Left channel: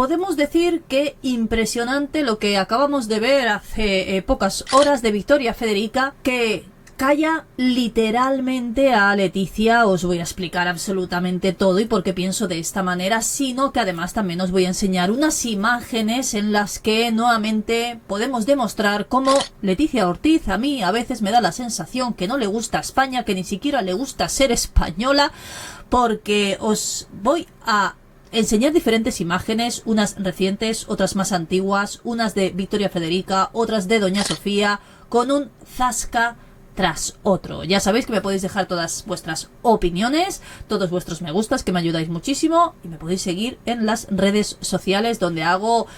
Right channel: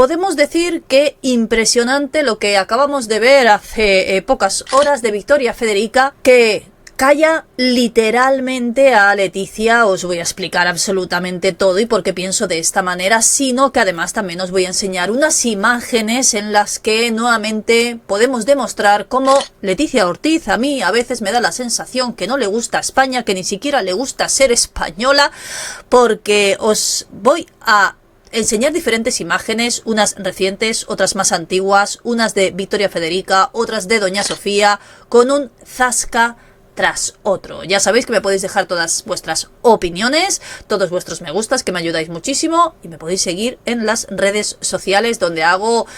podemos decir que impresionante lo que acabamos de ver hace pocas horas de Victoria Federica, que calla literalmente a Leticia. Os voy a explicar absolutamente todo y por qué pienso de esta manera, sino que además también os voy a enseñar unas imágenes en las que nuevamente podemos demostrar cómo Leticia Ortiz a mí a veces me da la sensación que no le gusta España, que ni siquiera le gusta ser española, porque os voy a enseñar diferentes imágenes, unas recientes, otras más antiguas, unas de Victoria Federica, otras de Doña Sofía, con un zasca tras otro. Ya sabéis que me podéis dejar todas vuestras opiniones, todos vuestros me gustas, que me ayudáis muchísimo, y me podéis seguir en las redes sociales donde hago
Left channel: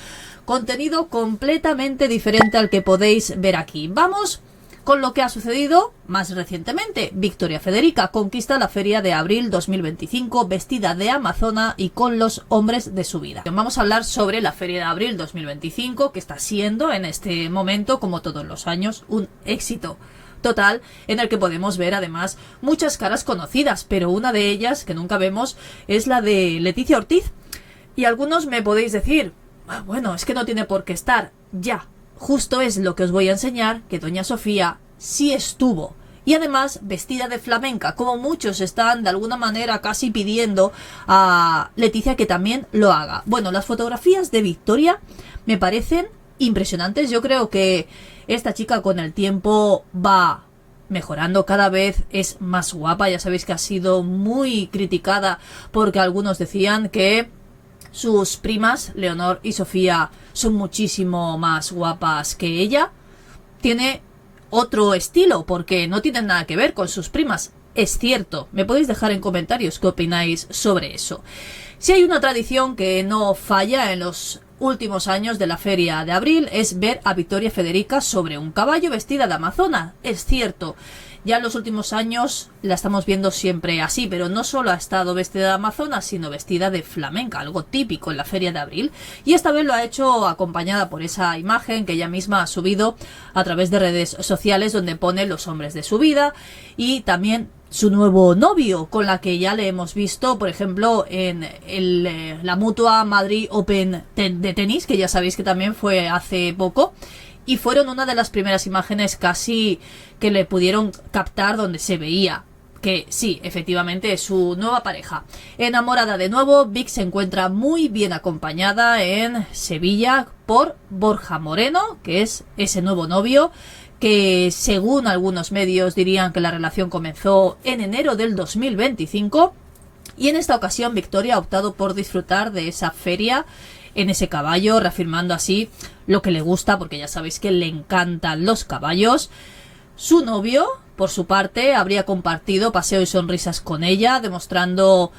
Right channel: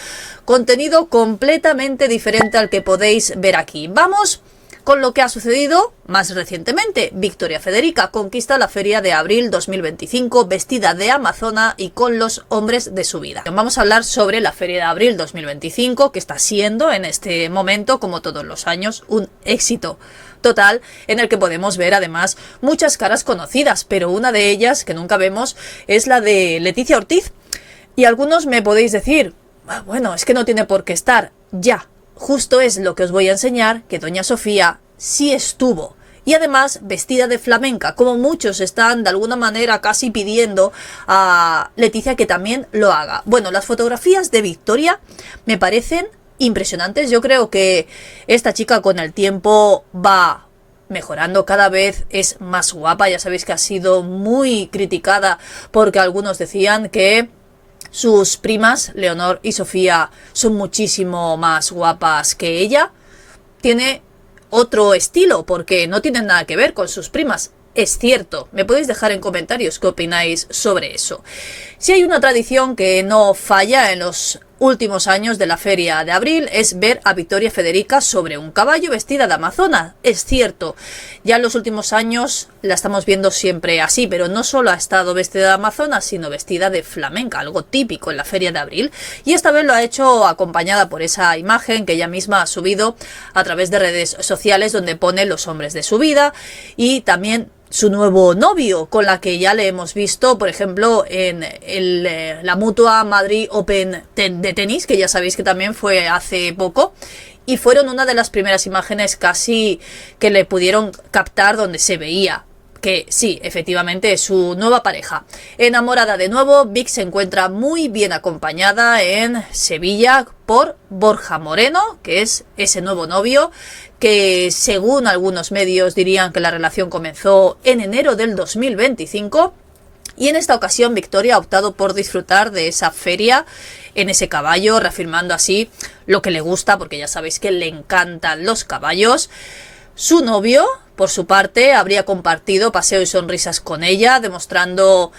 contenido completamente diferente al que podéis ver aquí. Vamos con lo que ha sucedido más recientemente. Victoria Federica conquista la Feria de Abril 2025 vestida de amazona y con los hombres de su vida. Vamos a hablar sobre la Feria de Abril 2025, que está siendo en este momento, como todos los años, un éxito total, en el que podemos ver además muchas caras conocidas, pero una de ellas que nunca vemos es la de Leticia Ortiz. Y algunos me podéis decir, bueno, es que no tiene por qué estar. Ya, justo es lo que os voy a enseñar, que Doña Sofía sí estuvo. Y además vestida de flamenca, como muchos están de alguna manera casi pidiendo a Leticia que también lo haga. Bueno, las fotografías de Victoria me parecen impresionantes. Yo creo que esta chica con el tiempo va mejorando, cada vez es más guapa. Ya sabéis que ha sido muy criticada porque algunos decían que sus primas, Leonor y Sofía, son muchísimo más guapas que ella. Tiene otro estilo porque no tienen nada que ver con sus primas. Es cierto, me podéis dejar en comentarios qué opináis sobre eso. Si hay una tradición que no falla en los últimos años de la Feria de Abril, es ver a Victoria Federica sobre un caballo vestida de amazona. Es cierto, ya en los últimos años la estamos viendo siempre así, pero no solo ha estado vestida de amazona, sino vestida de flamenca, algo típico en la Feria de Abril, y esta vez lo ha hecho acompañada por esa imagen que ella misma ha subido a través de redes sociales, donde pone los hombres de su vida y también su nuevo novio, con la que ya le hemos visto, por ejemplo, en la Mutua Madrid Open de tenis, que ya sabéis que también fue hace poco, y fueron una de las primeras imágenes casi que le pudieron captar donde se veía que sí, efectivamente es su nueva pareja. Enamorada de nuevo, Vic se encuentra muy bien acompañada en Sevilla por Borja Moreno, que es ese nuevo novio, que según algunos medios dirían que la relación comenzó en enero del 2025, y en esta ocasión Victoria ha optado por disfrutar de esa feria en ese caballo, reafirmando así lo que le gusta, porque ya sabéis que le encantan los caballos. Su novio, por su parte, habría compartido paseo y sonrisas con ella, demostrando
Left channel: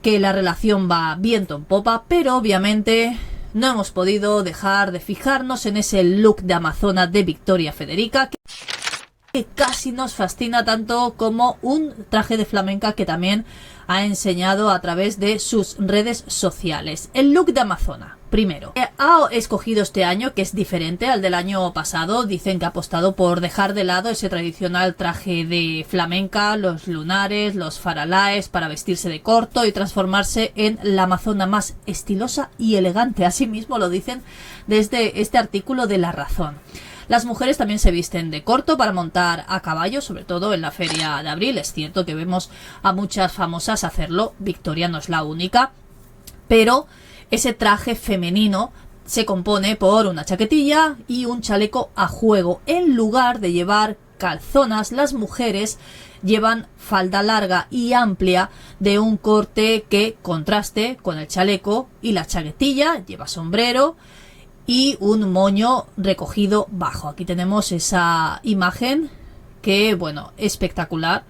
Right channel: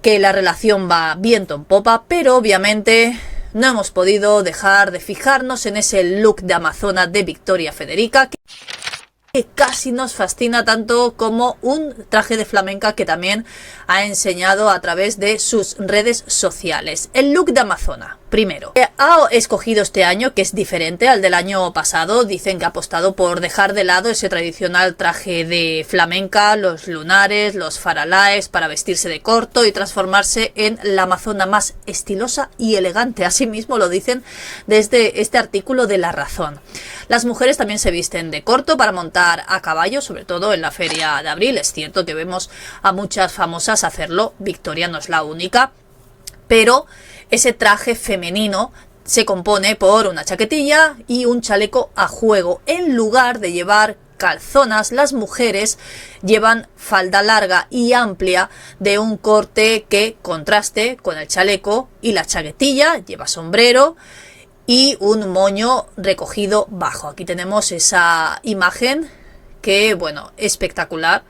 que la relación va viento en popa, pero obviamente no hemos podido dejar de fijarnos en ese look de amazona de Victoria Federica, que casi nos fascina tanto como un traje de flamenca que también ha enseñado a través de sus redes sociales. El look de amazona, primero, ha escogido este año, que es diferente al del año pasado. Dicen que ha apostado por dejar de lado ese tradicional traje de flamenca, los lunares, los faralaes, para vestirse de corto y transformarse en la amazona más estilosa y elegante. Asimismo lo dicen desde este artículo de La Razón. Las mujeres también se visten de corto para montar a caballo, sobre todo en la Feria de Abril. Es cierto que vemos a muchas famosas hacerlo, Victoria no es la única, pero ese traje femenino se compone por una chaquetilla y un chaleco a juego. En lugar de llevar calzonas, las mujeres llevan falda larga y amplia de un corte que contraste con el chaleco, y la chaquetilla lleva sombrero y un moño recogido bajo. Aquí tenemos esa imagen que, bueno, espectacular.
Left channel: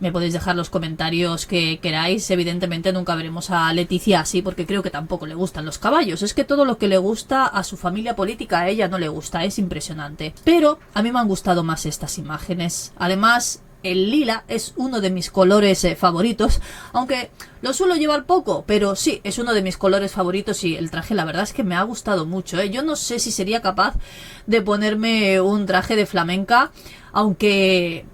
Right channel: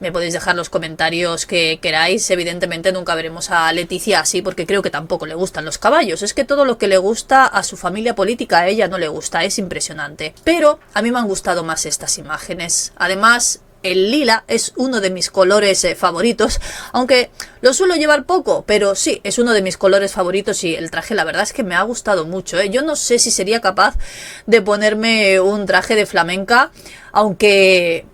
Me podéis dejar los comentarios que queráis. Evidentemente nunca veremos a Leticia así, porque creo que tampoco le gustan los caballos. Es que todo lo que le gusta a su familia política, a ella no le gusta. Es impresionante. Pero a mí me han gustado más estas imágenes. Además, el lila es uno de mis colores favoritos, aunque lo suelo llevar poco, pero sí, es uno de mis colores favoritos, y el traje la verdad es que me ha gustado mucho, ¿eh? Yo no sé si sería capaz de ponerme un traje de flamenca, aunque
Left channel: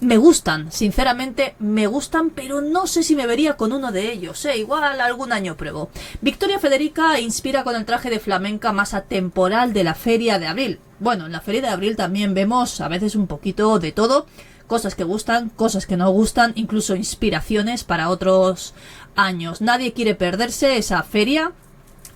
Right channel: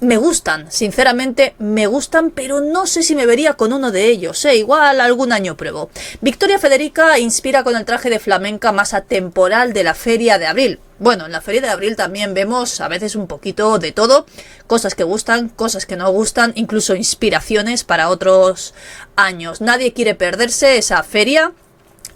me gustan, sinceramente me gustan, pero no sé si me vería con uno de ellos, igual algún año pruebo. Victoria Federica inspira con el traje de flamenca más atemporal de la Feria de Abril. Bueno, en la Feria de Abril también vemos a veces un poquito de todo, cosas que gustan, cosas que no gustan, incluso inspiraciones para otros años. Nadie quiere perderse esa feria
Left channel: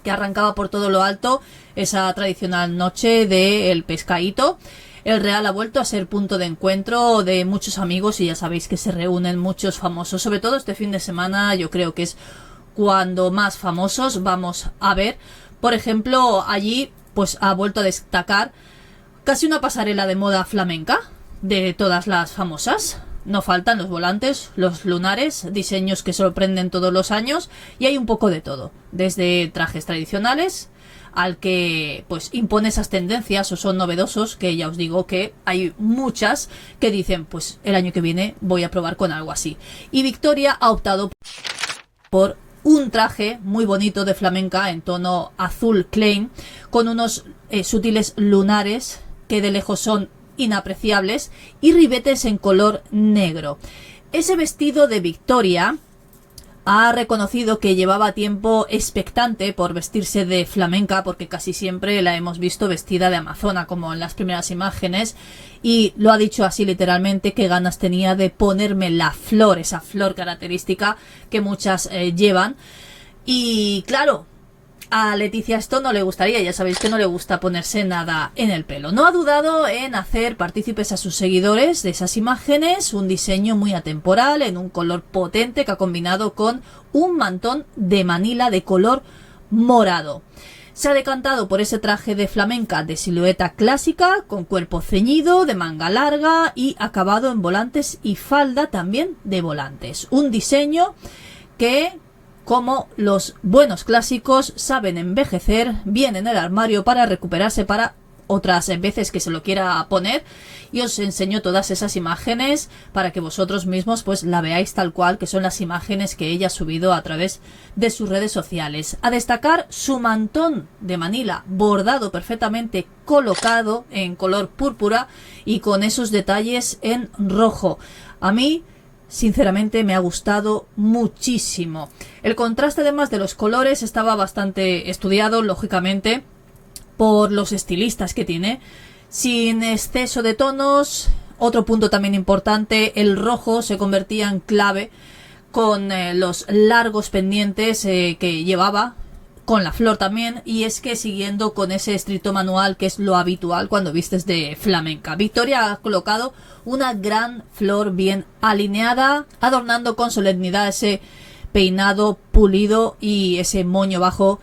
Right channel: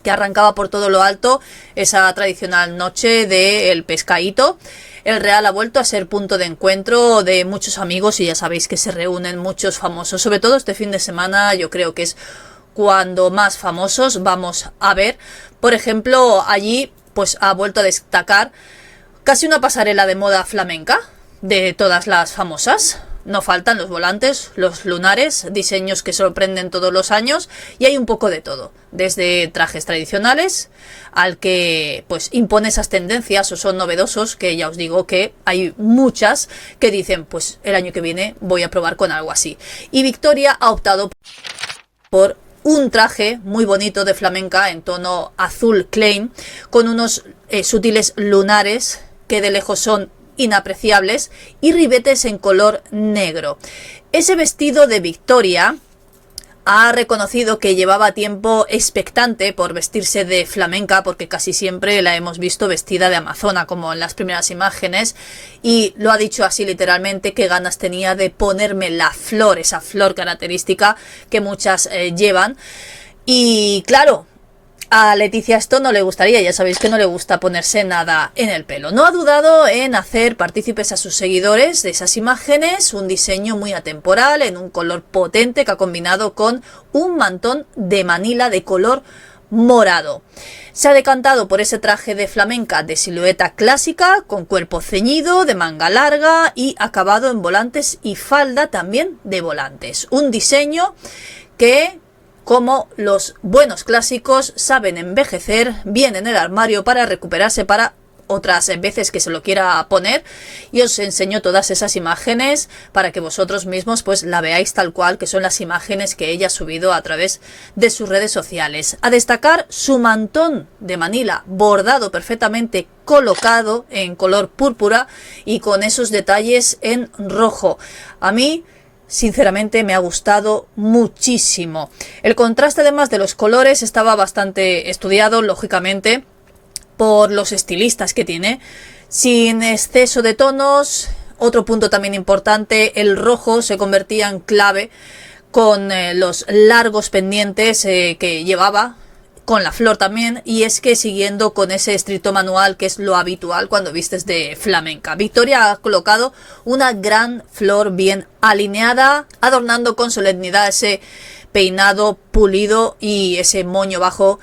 que arrancaba por todo lo alto, esa tradicional noche del pescadito. El Real ha vuelto a ser punto de encuentro de muchos amigos y ya sabéis que se reúnen muchos famosos. Sobre todo este fin de semana yo creo que es cuando más famosos vamos a ver. Por ejemplo, allí pues ha vuelto a destacar casi una pasarela de moda flamenca de todas las famosas. No faltan los volantes, los lunares, diseños que sorprenden todos los años y hay un poco de todo, desde trajes tradicionales al que pues impone esas tendencias o son novedosos, que ya os digo que hay muchas que dicen pues el año que viene voy a probar con algo así. Y Victoria ha optado por un traje muy bonito de flamenca en tono azul Klein con unos sutiles lunares que de lejos son inapreciables y ribetes en color negro. Ese vestido de Victoria ha reconocido que llevaba tiempo expectante por vestirse de flamenca, porque casi siempre la hemos visto vestida de amazona, como en las primeras imágenes, y lo ha dicho así literalmente, que ganas tenía de ponerme la flor, esa flor característica que muchas llevan. Y claro, a Leticia esto no le gustaría, ya sabéis que no le gusta ponerse nada en el pelo. No ha dudado en hacer partícipes a sus seguidores de esas imágenes, un diseño muy atemporal, en un color potente que ha combinado con un mantón de Manila de color morado. Se ha decantado por ese traje de flamenca de silueta clásica, con cuerpo ceñido, de manga larga y acabado en volantes y falda también de volantes. Un diseño que, como los buenos clásicos, saben envejecer bien en el armario para recuperarse para otras veces que se lo quiera poner. Y os enseño todas esas imágenes para que vosotros mismos pues la veáis tal cual, que son las imágenes que ella ha subido a través de sus redes sociales. A destacar su mantón de Manila bordado perfectamente, colocado en color púrpura y con esos detalles en rojo. A mí sinceramente me ha gustado muchísimo. El contraste además de los colores estaba bastante estudiado, lógicamente, por los estilistas que tiene, sin exceso de tonos. Otro punto también importante, el rojo se convertía en clave con los largos pendientes que llevaba, con la flor también, y es que siguiendo con ese estricto manual que es lo habitual cuando vistes de flamenca. Victoria ha colocado una gran flor bien alineada, adornando con solemnidad ese peinado pulido y ese moño bajo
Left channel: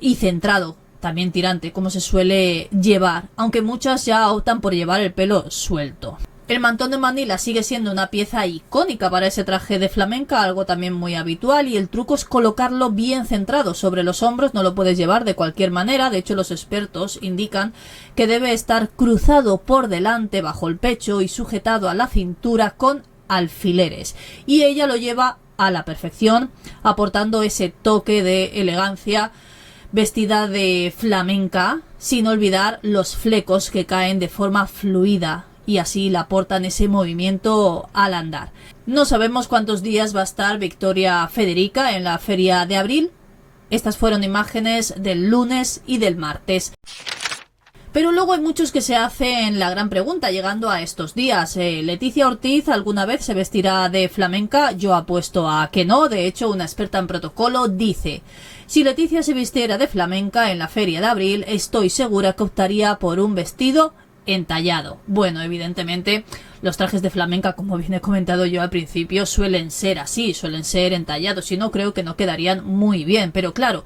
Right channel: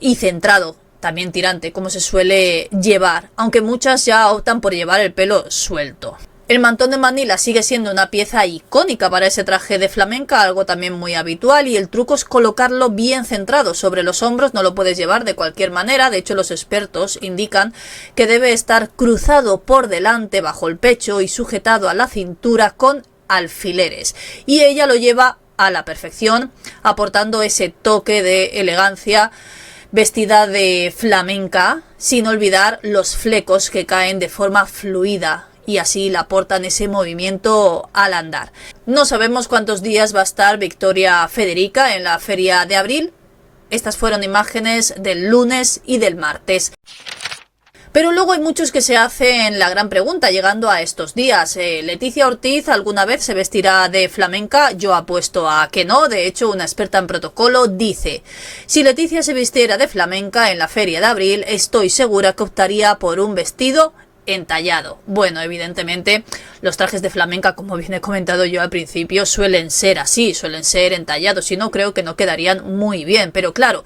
y centrado, también tirante, como se suele llevar, aunque muchas ya optan por llevar el pelo suelto. El mantón de Manila sigue siendo una pieza icónica para ese traje de flamenca, algo también muy habitual, y el truco es colocarlo bien centrado sobre los hombros. No lo puedes llevar de cualquier manera, de hecho los expertos indican que debe estar cruzado por delante bajo el pecho y sujetado a la cintura con alfileres, y ella lo lleva a la perfección, aportando ese toque de elegancia, vestida de flamenca, sin olvidar los flecos que caen de forma fluida y así le aportan ese movimiento al andar. No sabemos cuántos días va a estar Victoria Federica en la Feria de Abril. Estas fueron imágenes del lunes y del martes. Pero luego hay muchos que se hacen la gran pregunta llegando a estos días. ¿Leticia Ortiz alguna vez se vestirá de flamenca? Yo apuesto a que no. De hecho, una experta en protocolo dice: si Leticia se vistiera de flamenca en la Feria de Abril, estoy segura que optaría por un vestido entallado. Bueno, evidentemente los trajes de flamenca, como bien he comentado yo al principio, suelen ser así, suelen ser entallados, si no creo que no quedarían muy bien, pero claro,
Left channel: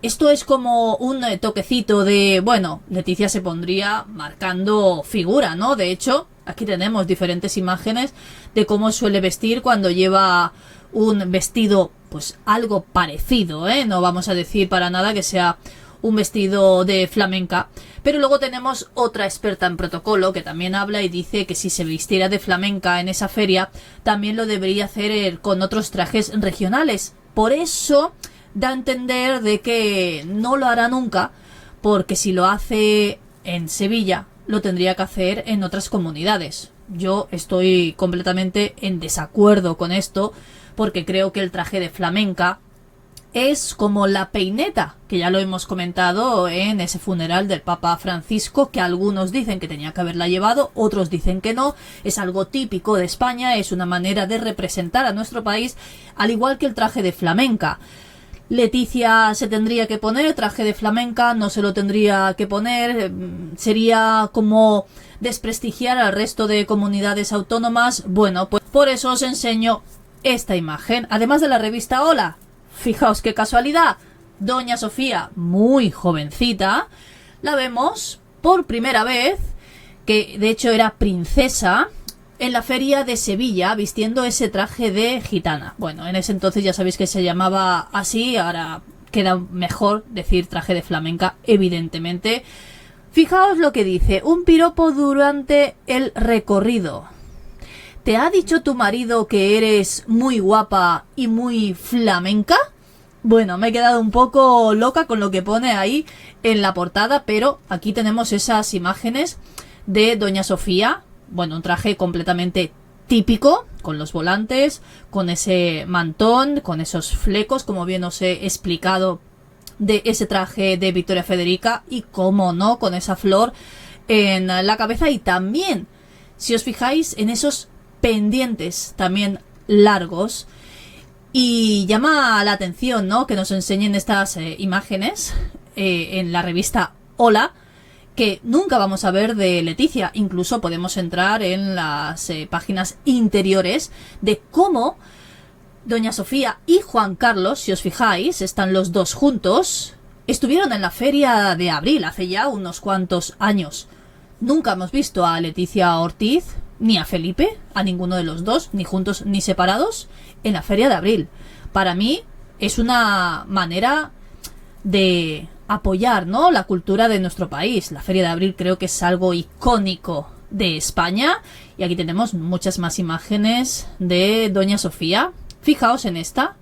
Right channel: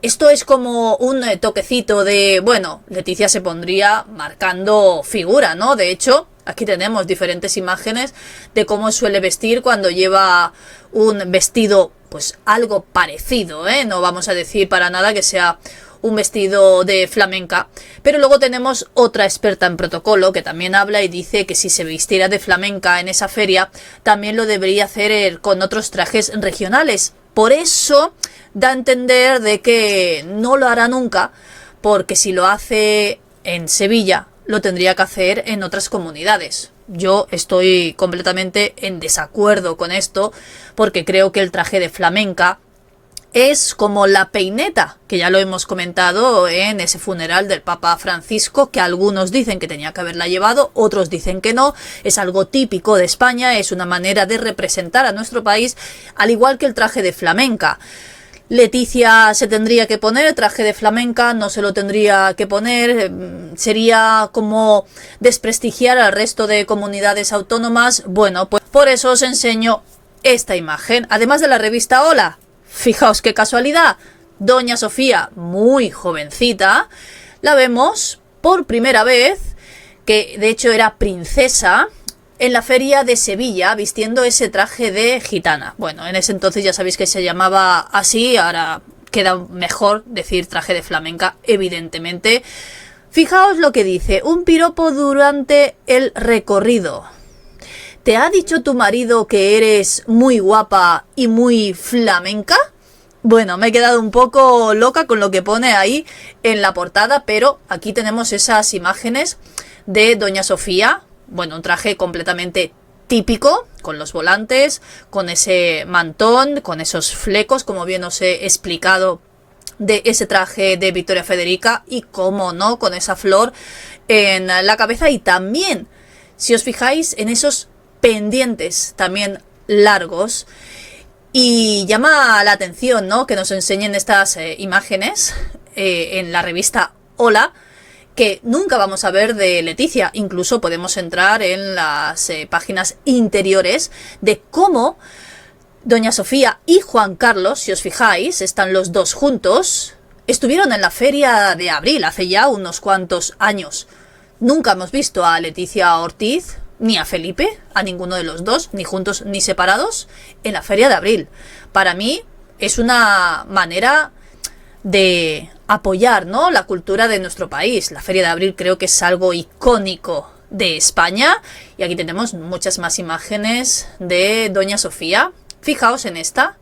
esto es como un toquecito de, bueno, Leticia se pondría marcando figura, ¿no? De hecho, aquí tenemos diferentes imágenes de cómo suele vestir cuando lleva un vestido, pues algo parecido, ¿eh? No vamos a decir para nada que sea un vestido de flamenca, pero luego tenemos otra experta en protocolo que también habla y dice que si se vistiera de flamenca en esa feria, también lo debería hacer con otros trajes regionales. Por eso da a entender de que no lo hará nunca, porque si lo hace en Sevilla, lo tendría que hacer en otras comunidades. yo estoy completamente en desacuerdo con esto, porque creo que el traje de flamenca es como la peineta, que ya lo hemos comentado en ese funeral del Papa Francisco, que algunos dicen que tenía que haberla llevado, otros dicen que no. Es algo típico de España, es una manera de representar a nuestro país, al igual que el traje de flamenca. Leticia se tendría que poner el traje de flamenca, no se lo tendría que poner, sería como desprestigiar al resto de comunidades autónomas. Bueno, pues por eso os enseño esta imagen, además de la revista Hola. Fijaos qué casualidad, Doña Sofía, muy jovencita, la vemos por primera vez, que de hecho era princesa, en la feria de Sevilla, vistiendo ese traje de gitana. Bueno, en ese entonces ya sabéis que se llamaba así, ahora queda mejor decir traje de flamenca, evidentemente. Fijaos lo que dice, un piropo durante el recorrido. ¿Te ha dicho tu marido que eres muy guapa y muy flamenca? Bueno, me he quedado un poco loca con lo que pone ahí en la portada, pero aquí tenemos esas imágenes de Doña Sofía. Bueno, un traje completamente típico, con los volantes, con ese mantón, con esos flecos, como bien os he explicado, de ese traje de Victoria Federica, y cómo no, con esa flor en la cabeza, y también, si os fijáis, en esos pendientes también largos. Y llama la atención, ¿no?, que nos enseñen estas imágenes en la revista Hola, que nunca vamos a ver de Leticia. Incluso podemos entrar en las páginas interiores de cómo Doña Sofía y Juan Carlos, si os fijáis, están los dos juntos, estuvieron en la Feria de Abril hace ya unos cuantos años. Nunca hemos visto a Leticia Ortiz ni a Felipe, a ninguno de los dos, ni juntos ni separados, en la Feria de Abril. Para mí es una manera de apoyar, ¿no?, la cultura de nuestro país. La Feria de Abril creo que es algo icónico de España, y aquí tenemos muchas más imágenes de Doña Sofía. Fijaos en esta,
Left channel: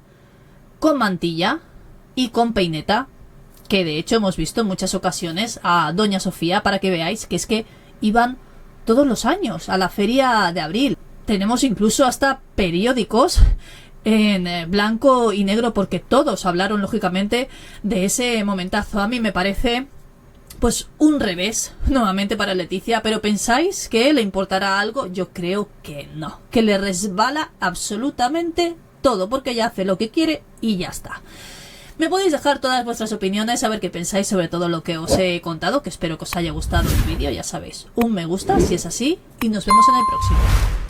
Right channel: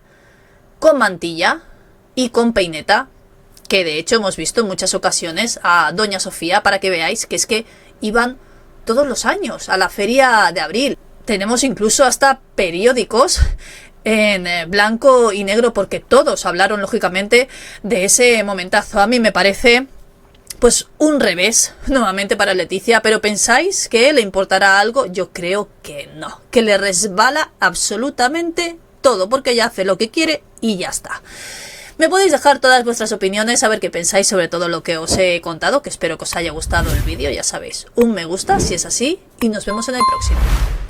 con mantilla y con peineta, que de hecho hemos visto en muchas ocasiones a Doña Sofía, para que veáis que es que iban todos los años a la Feria de Abril. Tenemos incluso hasta periódicos en blanco y negro, porque todos hablaron lógicamente de ese momentazo. A mí me parece pues un revés nuevamente para Leticia, pero ¿pensáis que le importará algo? Yo creo que no, que le resbala absolutamente todo, porque ella hace lo que quiere y ya está. Me podéis dejar todas vuestras opiniones, a ver qué pensáis sobre todo lo que os he contado, que espero que os haya gustado el vídeo. Ya sabéis, un me gusta si es así, y nos vemos en el próximo.